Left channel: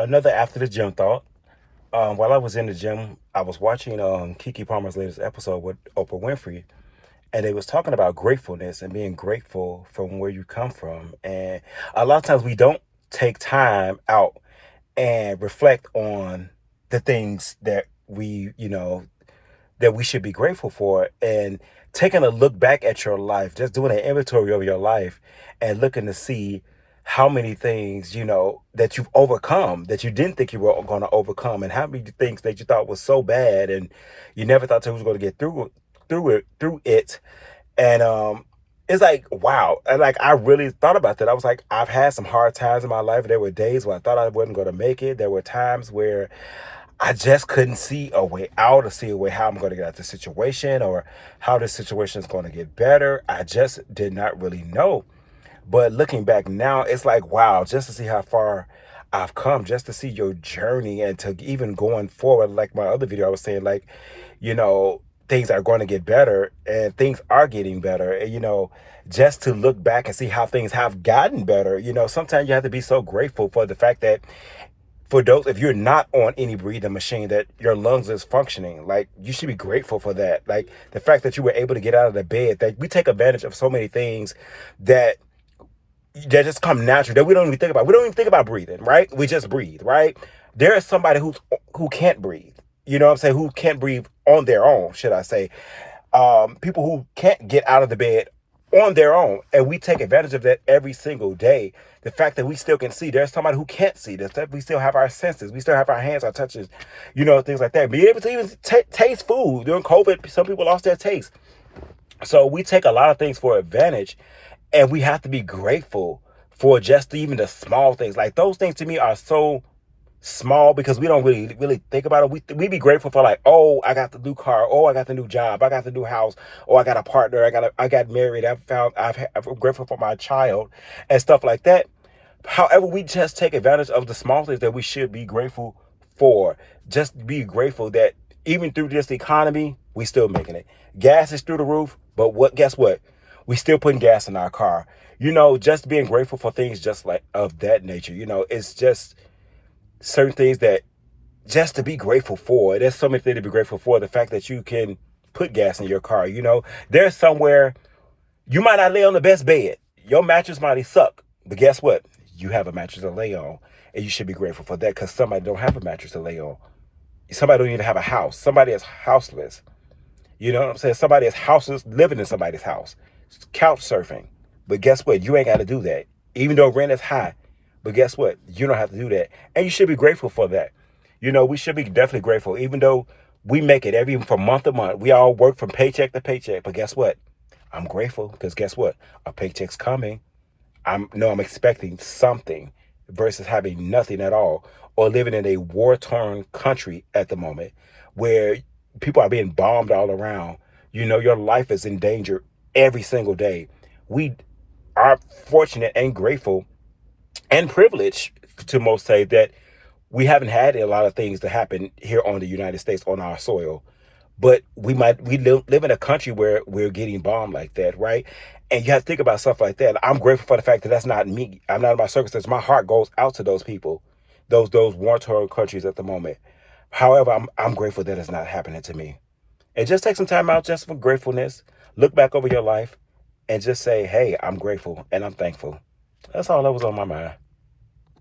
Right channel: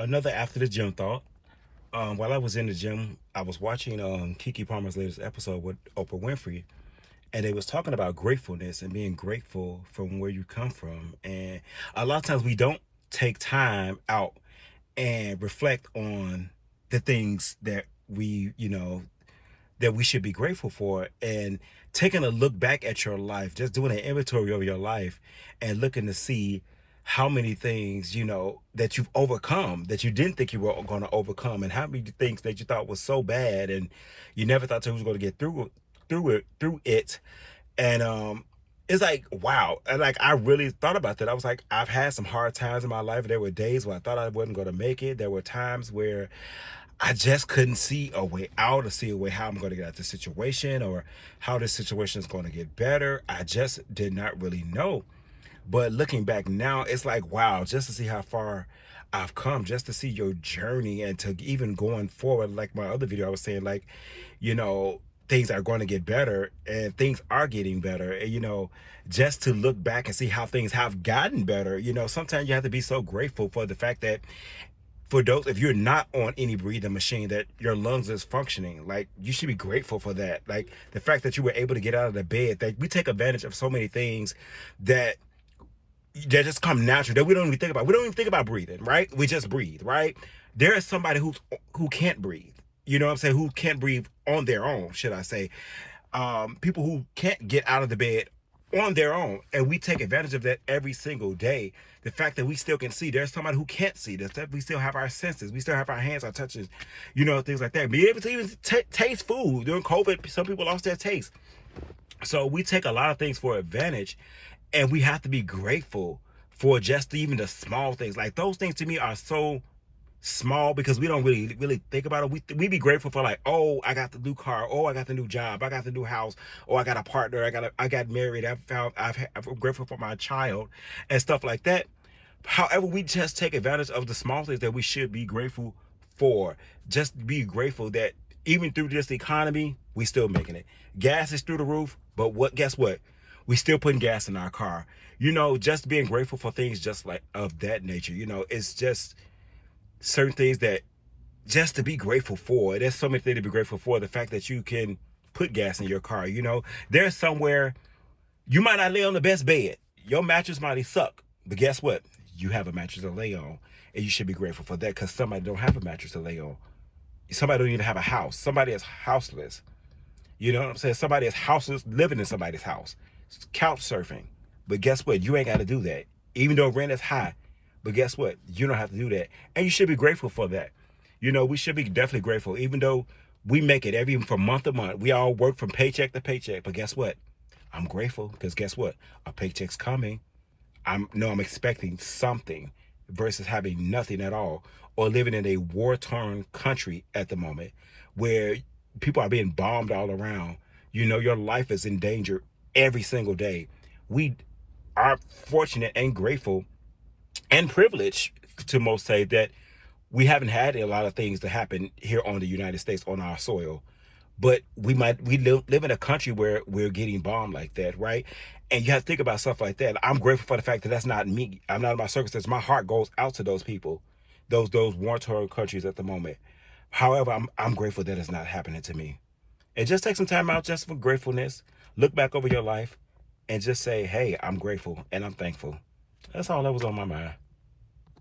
Another after the gym thought. While I was in the gym, I was watching Kiki Palmer's latest episode with Oprah Winfrey, and they was talking about gratefulness and being grateful from where you come from. And a lot of times we don't take time out and reflect on the things that we should be grateful for, and taking a look back at your life, just doing an inventory of your life and looking to see how many things that you've overcome that you didn't think you were going to overcome, and how many things that you thought was so bad and you never thought you was going to get through it. And it's like, wow. And like, I really thought about that. I was like, I've had some hard times in my life. There were days where I thought I wasn't going to make it. There were times where I just couldn't see a way out, or see a way how I'm going to get out of the situation, or how this situation is going to get better. I just did not really know. But looking back now, it's like, wow, just to see how far I've come, just to see your journey, and to even going forward, like my other video, I was saying, like, things are going to get better, and things are getting better. And, just to look back and see how things have gotten better, sometimes you have to be so grateful for the fact that, for those, if you're not on any breathing machine, that your lungs is functioning. Like, you should be grateful for that. Like, the fact that you were able to get out of the bed, that we take advantage of so many things that just come natural, that we don't even think about. We don't even think about breathing, right? We just breathe, right? There is somebody who can't breathe. You know what I'm saying? Who can't breathe on their own, should I say. People who can't get out of the bed on their own. And we take advantage of that every single day. The fact that we still can see. There's somebody who can't see. That we still have our senses. We still have our hands, our touches, things like that. Be able to even taste food. During COVID, some people lost their taste. So we take a lot of things for advantage, and we have to be grateful for just even the small things. Like, those things to me are so small because we don't really think about it. We be grateful for, like, oh, I got the new car, oh, I got the new job, I got the new house, oh, I got a partner, I got married, I'm grateful for my child and stuff like that. However, we just take advantage of the small things that we should be grateful for. Just be grateful that even through this economy, we still making it. Gas is through the roof, but guess what? We still putting gas in our car. Just being grateful for things just like of that nature. It's just certain things that just to be grateful for. There's so many things to be grateful for. The fact that you can put gas in your car. There's somewhere you might not lay on the best bed. Your mattress might suck, but guess what? You have a mattress to lay on, and you should be grateful for that, because somebody don't have a mattress to lay on. Somebody don't even have a house. Somebody is houseless. You know what I'm saying? Somebody is houseless, living in somebody's house, couch surfing. But guess what? You ain't got to do that. Even though rent is high. But guess what? You don't have to do that. And you should be grateful for that. We should be definitely grateful, even though we make it from month to month. We all work from paycheck to paycheck. But guess what? I'm grateful, because guess what? A paycheck's coming. I'm expecting something, versus having nothing at all, or living in a war-torn country at the moment where people are being bombed all around. Your life is in danger every single day. We are fortunate and grateful and privileged, to most say, that we haven't had a lot of things to happen here on the United States, on our soil. But we live in a country where we're getting bombed like that, right? And you have to think about stuff like that. I'm grateful for the fact that that's not me. I'm not in my circumstances. My heart goes out to those people, those war-torn countries at the moment. However, I'm grateful that it's not happening to me. And just take some time out just for gratefulness. Look back over your life and just say, hey, I'm grateful and I'm thankful. That's all that was on my mind.